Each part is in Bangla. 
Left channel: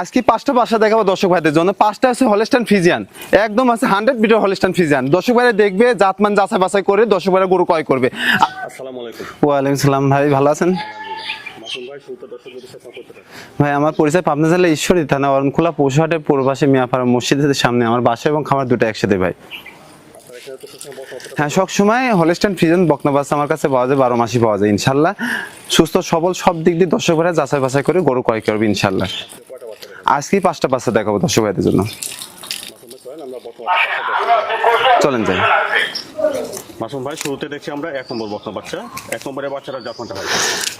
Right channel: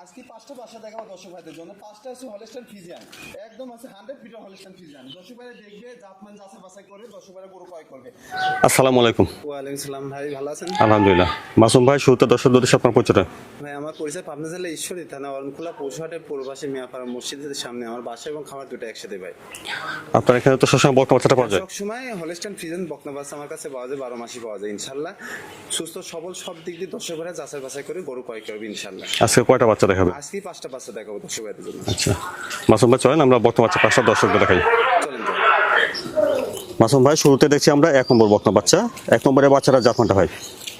আজকে পাঁচটা বাসা দেখাবো দর্শক ভাইদের জন্য। পাঁচটা আছে হলস্টান ফিজিয়ান একদম আছে হান্ড্রেড মিটার হলস্টান ফিজিয়ান দর্শক ভাইরা দেখবে জাতমান যাচাই বাছাই করে দর্শক ভাইরা গরু ক্রয় করবে। আসসালামু আলাইকুম। ওয়ালাইকুম সালাম ভাই ভালো আছেন? আলহামদুলিল্লাহ। মাসুম ভাই শুরুতে দর্শক উদ্দেশ্যে আপনার পরিচয়টা? ভাই আমার পরিচয় পাবনা জেলা ঈশ্বরী থানা অরণখোলা পৌষহাটের পূর্বাসে মিয়াপাড়া মসজিদের সামনে আমার বাসা এবং খামার দুটো একসাথে ভাই। আপনার এখানে তো সবসময় বকনা বাচ্চাটা হ্যাঁ। সবসময় হলস্টান ফ্রিজেন বকনা বাচ্চা আমার কাছে পাওয়া যায় বারো মাসই পাওয়া যায় ইনশাল্লাহ। সুস্থ সবল সব দিক দিয়ে দর্শক ভাইরা যাচাই বাছাই করে গরু ক্রয় করবে ইনশাল্লাহ। আজকে কয়টা বাচ্চা দেখাবো? আজকেই পাঁচটা বাচ্চা দেখাবো দর্শক ভাইদের জন্য। আচ্ছা। মাসুম ভাই চলেন আমরা বকনা বাচ্চা পাঁচটা দর্শকদের দেখাই। চলেন যাই। মাসুম ভাই শুরুতে দেখছি আমরা এক নম্বর বর্তমান বাচ্চা। এক নম্বরের বাচ্চারা জাতমানটা ভাই।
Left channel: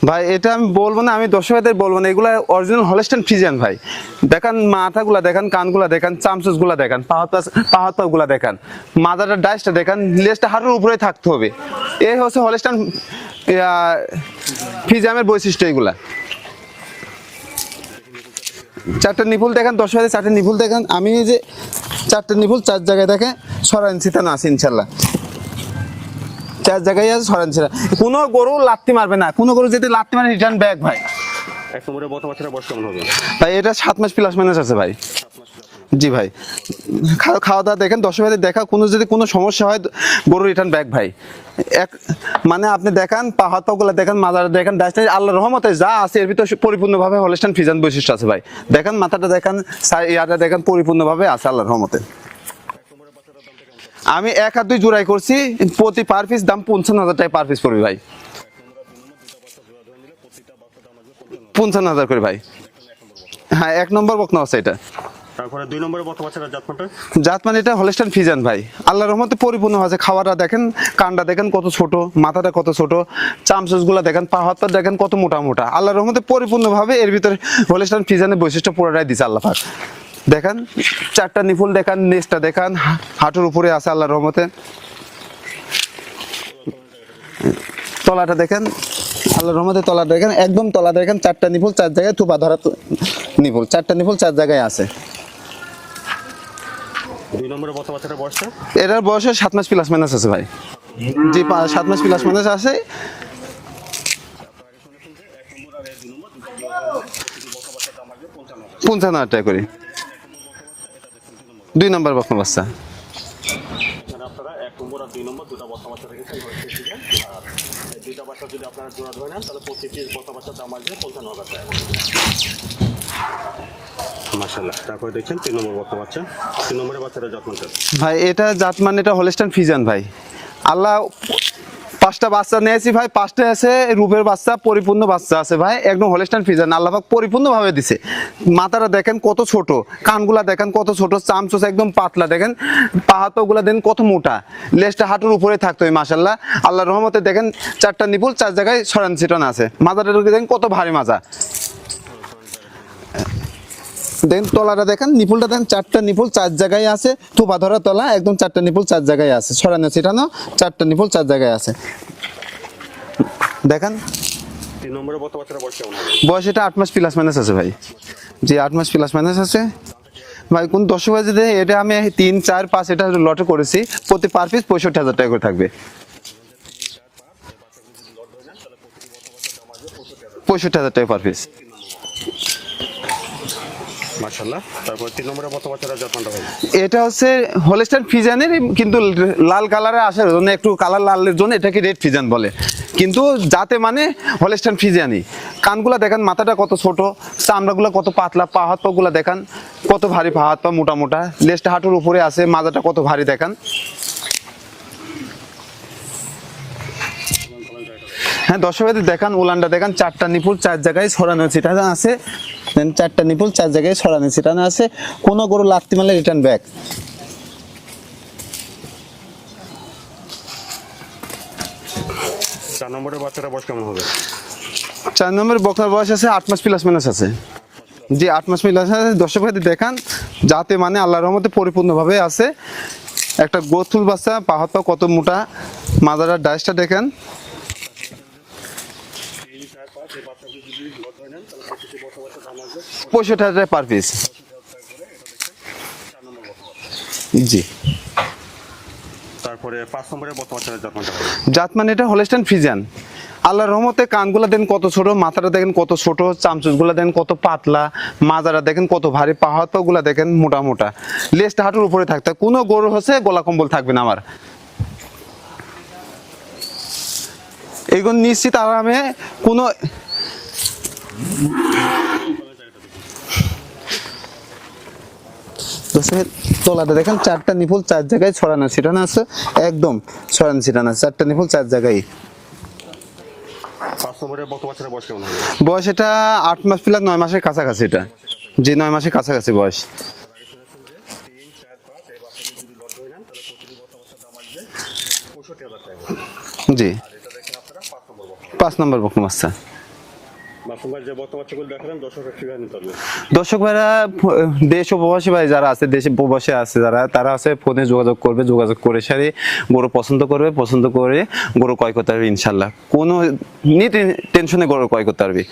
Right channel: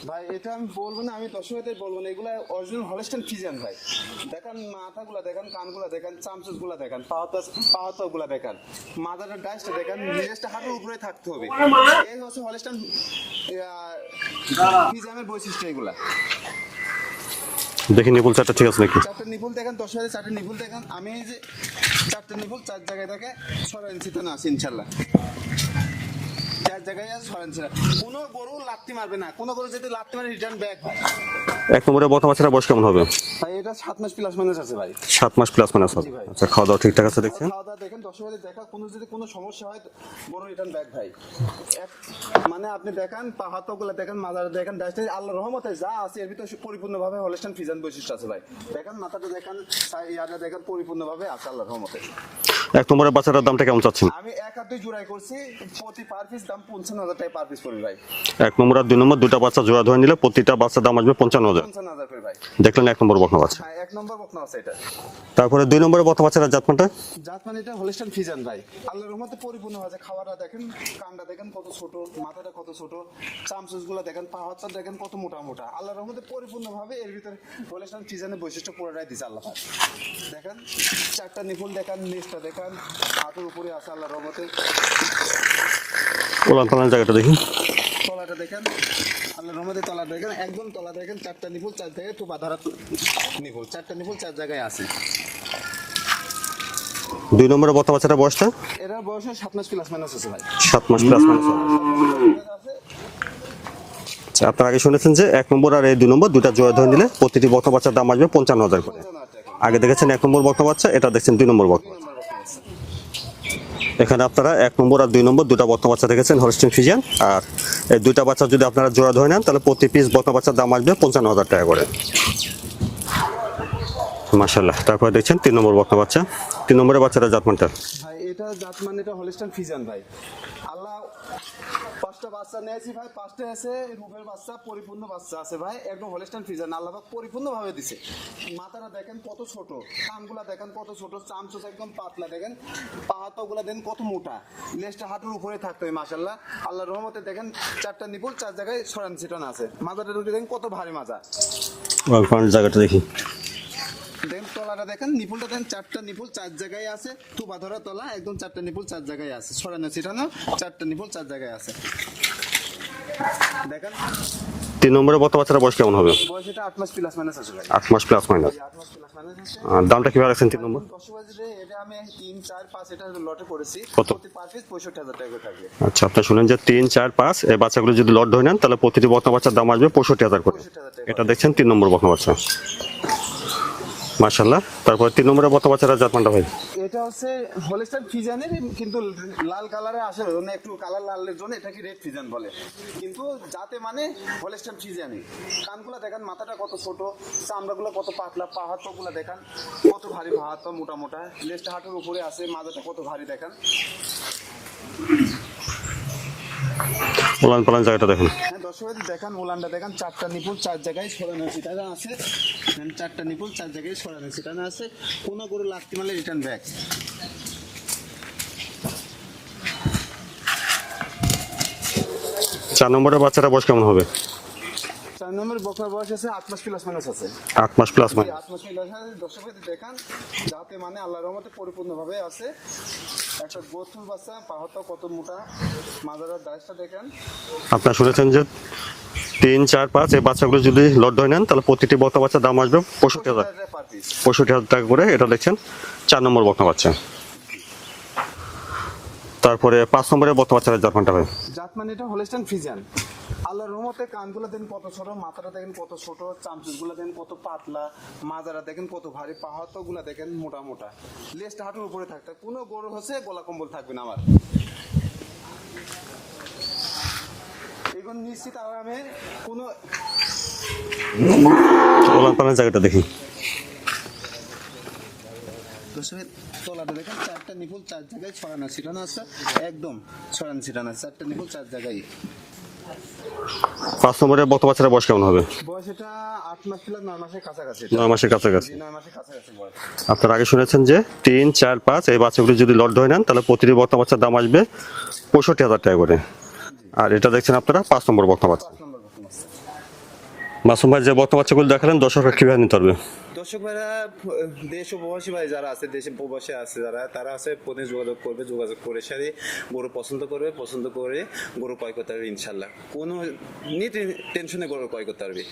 ভাই এটা আমি বলব না আমি দর্শক ভাইদের বলব না। এগুলা অরিজিনাল হলস্টান ফিজিয়ান ভাই। দেখান মাথাগুলা দেখান কানগুলা দেখান চামচুসগুলা দেখান পাহাড় পাহাড়গুলা দেখান। মাথাটা ডাইসটা দেখান লেজটা হাঁটুর উপরে থাকতে হবে। এই হচ্ছে হলস্টান ফিজিয়ামের বৈশিষ্ট্য এগুলা। দেখি নিপুল চারটা ঠিক আছে নাকি? চারটা নিপুল দেখান দশ হাজার চারটা নিপুল দেখান। আমি যে চারটা নিপুল চার জায়গায় দেখে সরান সিতানো আছে ইনশাল্লাহ। চার জায়গায় আছে সরান সিতা কোনো গরু লাত্তি মারবে না। কোনো গরু যদি লাত্তি মারে রিটার্ন ব্যাক ভাই। এক নম্বরের বর্তমান বাচ্চাটা বয়স কেমন হবে? ভাই এটা সাত মাস প্লাস মাইনাস আছে ভাই। সাত মাস প্লাস মানে জি ভাই। আচ্ছা, খাওয়া দাওয়া ঠিকঠাক আছে? খাওয়া দাওয়া দেখেন দশ ভাইদের দেখা কোনো যদি কোনো সমস্যা হয় গরু রিটার্ন ব্যাক ভাই। এক মানে আপনি দেখান পাহাড় পাগুলা দেখেন মাজার দেখেন ডাস্টার আল্লাহ রহমতে যা আছে এর ভিতর পরিপূর্ণভাবে হলস্টান ফিজান বৈশিষ্ট্য আছে ভাই। দেখেন মাথাটা দেখেন ইয়াটা দেখেন পরিপূর্ণভাবে আছে আল্লাহ রহমতে। এক নম্বরের বাচ্চাটার দামটা কেমন চাচ্ছেন? আমি এক হাত দুই জোড়াই করছি প্রতি পার পিস দাম পঞ্চান্ন হাজার টাকা পার পিস পড়বে ভাই। এক নম্বর আর দুই নম্বর দুটা বাচ্চা জোড়া ধরে নিলে প্রতিটা বাচ্চার দাম আসবে পঞ্চান্ন হাজার। পঞ্চান্ন হাজার করে ভাই। দেখলেন এক নম্বর বর্তমান বাচ্চা। হ্যাঁ এক নম্বর বকনা আছে এটা। তারপরে দুই নম্বরের বর্তমান বাচ্চাটা জাতমানটা? জাত মানে এটা হলস্টান ফিজান ভাই। আল্লাহর রহমতে পরিপূর্ণ আছে খাওয়াটা দেখেন কানটা দেখেন কত ছোট মাথাটা কত ছোট চামচুসগুলা দেখেন পা হাতটা দেখেন কত মোটা মোটা। আল্লাহর রহমতে পরিপূর্ণভাবে এর ভিতরে হলস্টান ফিজানের বৈশিষ্ট্য পুরোটাই দিছে আল্লাহ পাক। দেখেন চারটা নিফুল দেখান নেসটা দেখান হাঁটুর উপরে আছে আল্লাহর রহমতে। জায়গাটা দেখি। তলাটা দেখেন আল্লাহর রহমতে তলা দেখেন একদম তলা দেখেন চারটা নিফুল চার জায়গায় থুপা ধরা নিফুল চারটা নিফুল চার জায়গায় আছে। দুই নম্বরের বর্তমান বাচ্চাটা বয়সটা? এটার বয়সে সাত মাস প্লাস মাইনাস আছে ভাই। সাত মাস প্লাস জি সাত মাস প্লাস মাইনাস আছে। আপনার আগে শুনেছেন যে এক নম্বর আর এই দুই নম্বর দুটা জোড়া ধরে নিলে প্রতিটি বর্তমান বাচ্চার দাম আসবে পঞ্চান্ন হাজার পঞ্চান্ন হাজার টাকা করে। আগে দেখেছেন এক নম্বর বর্তমান বাচ্চা এটা দেখছেন দুই নম্বর দুই নম্বর বকনা বাচ্চা। এখানে আপনারা এক নম্বর আর দুই নম্বর দুটা বর্তমান বাচ্চা দেখেছেন হলস্টিন ফিজিয়ান আর এই দুইটা বাচ্চা যদি আপনারা জোড়া ধরে নেন তাহলে প্রতি পিস বর্তমান বাচ্চার দাম আসবে পঞ্চান্ন হাজার টাকা করে। মাসাল্লাহ তারপরে দেখছেন তিন নম্বর বর্তমান বাচ্চা। তিন নম্বরের বাচ্চাটা জাতমানটা? ভাই এটা জাত মানে এটা হলস্টান ফিজান ভাই। আল্লাহ পাঁচটা বাচ্চা নিয়েছি ভাই, পাঁচটা আছে, রূপের বাচ্চা, পরিপূর্ণ বাচ্চা আছে ভাই, একদম হলস্টান ফিজান আল্লাহ পাক পরিপূর্ণভাবে দিছে। মাথাটা দেখেন কত ছোট, কানগুলা দেখেন কত ছোট, চামচোস একদম পাতলা দেখেন, পাহাতগুলা দেখেন কত মোটা। লেজটা হাঁটুর উপরে থাকতো এই মাসাল্লাহ আল্লাহর রহমতে দেখেন চারটা নিপুল, চার জায়গায় সরান ছিটান আছে। মাথাটা দেখেন কত ভারী মাজা। জায়গাটা দেখি। দেখেন তলাটা দেখেন নিপুলটা দেখেন চারটা নিপুল চার জায়গায় আছে থোপা ধরা তলা একদম চারটা নিপুল চার জায়গায় আছে ছড়ানো ছিটানো চারটা নিপুল চার জায়গায় আছে। দেখেন? তিন নম্বরের বর্তমান বাচ্চাটা বয়স কেমন হবে? বয়স এটা আট মাস প্লাস মাইনাস আছে ভাই। আট মাস প্লাস মাইনাস জি আট মাস প্লাস মাইনাস আছে। দামটা কীভাবে রাখছেন ভাই কোন দশ বাজে এটা আমি তিন চার পাঁচ এটা লটে করেছি প্রতি পার পিস পঁয়ষট্টি হাজার টাকা করে থাকবে। আচ্ছা আপনি শুনেন যে তিন চার পাঁচ এই বাচ্চাগুলো যদি লট ধরে নেন তাহলে প্রতিটি বর্তমান বাচ্চার দাম আসবে পঁয়ষট্টি হাজার পঁয়ষট্টি হাজার টাকা দেখছেন তিন নম্বর বর্তমান বাচ্চা। মাশাল্লাহ তারপর তিন নম্বরের বর্তমান বাচ্চাটা জাতমানটা ভাই। এটা হচ্ছে হোলেস্টার ফিজানের, কিন্তু লাল কালারে আসার জন্য একটু কালার লালের জন্য এটাকে রেড ফিজান বলে। কিন্তু যাতে মানে হোলেস্টার ফিজানি। কানগুলা দেখেন, মাথাটা কত ছোট, চামড়াগুলো কত পাতলা, পা হাত পাগুলা দেখান, কত ভারী পা হাত পা মোটা মোটা। লেজটা হাঁটুর উপরে আছে, মাজাটা কত ভারী দেখান। ওলান পালান জায়গাটা দেখেন। হ্যাঁ দর্শকদের দেখান উলানটা দেখান চারটা নিপুল চার জায়গায় ছড়ানো ছিটানো আছে। দেন চারটা নিপুল চার জায়গায় ছড়ানো ছিটানো আছে। কোনো গরু লাগতে মারলে রিটার্ন ব্যাক চার নম্বরের বাচ্চাটা বয়স কেমন হবে? চার নম্বর বকনার বয়স আছে আট মাস প্লাস মাইনাস আছে। আট মাস প্লাস জি আট মাস মিল আছে। দর্শক ভাইদের দেখান যাতে মানে আল্লাহর রহমতে পরিপূর্ণভাবে আছে। একটা গোথুল বাচ্চা পাহাড়টা কত মোটা মাজারার ডাইসটা দেখেন। আপনারা শুনেছেন যে তিন চার পাঁচ এই বাচ্চাগুলো যদি লট ধরে নেন তাহলে প্রতিটি বকা বাচ্চার দাম আসবে পঁয়ষট্টি হাজার পার পিস পঁয়ষট্টি হাজার টাকা করে এটা দেখছেন চার নম্বর বকা বাচ্চা। জি। তারপরে পাঁচ নম্বরের বকা বাচ্চা জাতমানটা ভাই। জাত মানে এটা হলেস্টান ফিজান আল্লাহর রহমতে কানগুলা দেন কত ছোট মাথাটা দেখেন কত ছোট চামচুসগুলা দেন কত পাতলা মাজারা দেখেন কত ভারী পাহাড়গুলা দেখেন মোটা মোটা। লেজটা হাঁটুর উপরে থাকতে। কোনো গরু হচ্ছে গলা কম্বল থাকবে না আমার। এগুলো নিশ্চিত আরামে কোনো জায়গাটা দেখি। দশের তলাটা দেখেন চারটা নিপুল চার জায়গায় ছড়ানো ছিটানো আছে। একদম ছড়ানো ছিটানো আছে। চারটা নিপুল চার জায়গায়। পাঁচ নম্বরের বাচ্চারা বয়স কেমন হবে? বয়স এটা আট মাস প্লাস নয় মাসের কাছাকাছি এটা। নয় মাসের কাছাকাছি। যে নয় মাসের কাছাকাছি বয়স। আপনারা আগে শুনেছেন যে তিন চার পাঁচ এই বাচ্চাগুলো যদি লট ধরে নেন তাহলে প্রতিটি বক্তা বাচ্চার দাম আসবে পঁয়ষট্টি হাজার টাকা করে। জি। আর এটা দেখছেন আপনারা পাঁচ নম্বর বক্তা পাঁচ নম্বর বকম বাচ্চা। মাসুম ভাই যে বক্তা বাচ্চাগুলো দেখালেন দর্শকরা কীভাবে নিতে পারবে? দর্শক ভাইরা দেশ ও প্রবাসী ভাই যারা আছে দেশে প্রবাসী আছে যারা তারা আছে ফোনে যোগাযোগ করবে যোগাযোগ করে সারি গরু পছন্দ করবে পছন্দ করে গরু ক্রয় করতে পারবে ইনশাল্লাহ কোনো নি টেনশনে গরু ক্রয় করতে পারবে।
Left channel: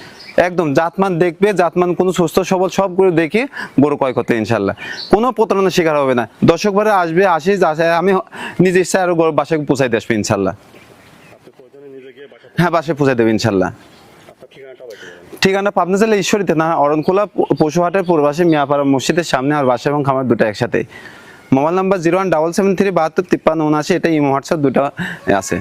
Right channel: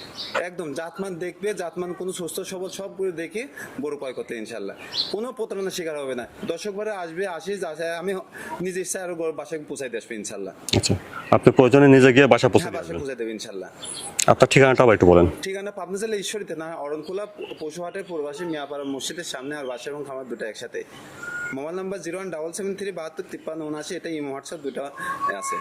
একদম জাতমান দেখবে জাতমান কোনো সুস্থ সবল সব গরু দেখে গরু ক্রয় করতে ইনশাল্লাহ কোনো প্রতারণার শিকার হবে না। দর্শক ভাইরা আসবে আসে আমি নিজে ইচ্ছা আরও গরু বাসায় পৌঁছাই দিয়ে আসবে ইনশাল্লাহ আচ্ছা। আপনি প্রয়োজনে নিজে গিয়ে বাসা হ্যাঁ বাসায় পৌঁছাই দেবে ইনশাল্লাহ আপনার ঠিকানাটা একটু বলেন। ঠিকানা পাবনা জেলা ঈশ্বরীতে, না, অরণখোলা পশুহাটের পূর্বাসী মিয়াপাড়া মসজিদের সামনে আর বাসা এবং খামার দুটো একসাথে। Mobile number zero one double seven three বাহাত্তর তিপ্পান্ন উনআশি এটা ইমো হোয়াটসঅ্যাপ দুটো আছে।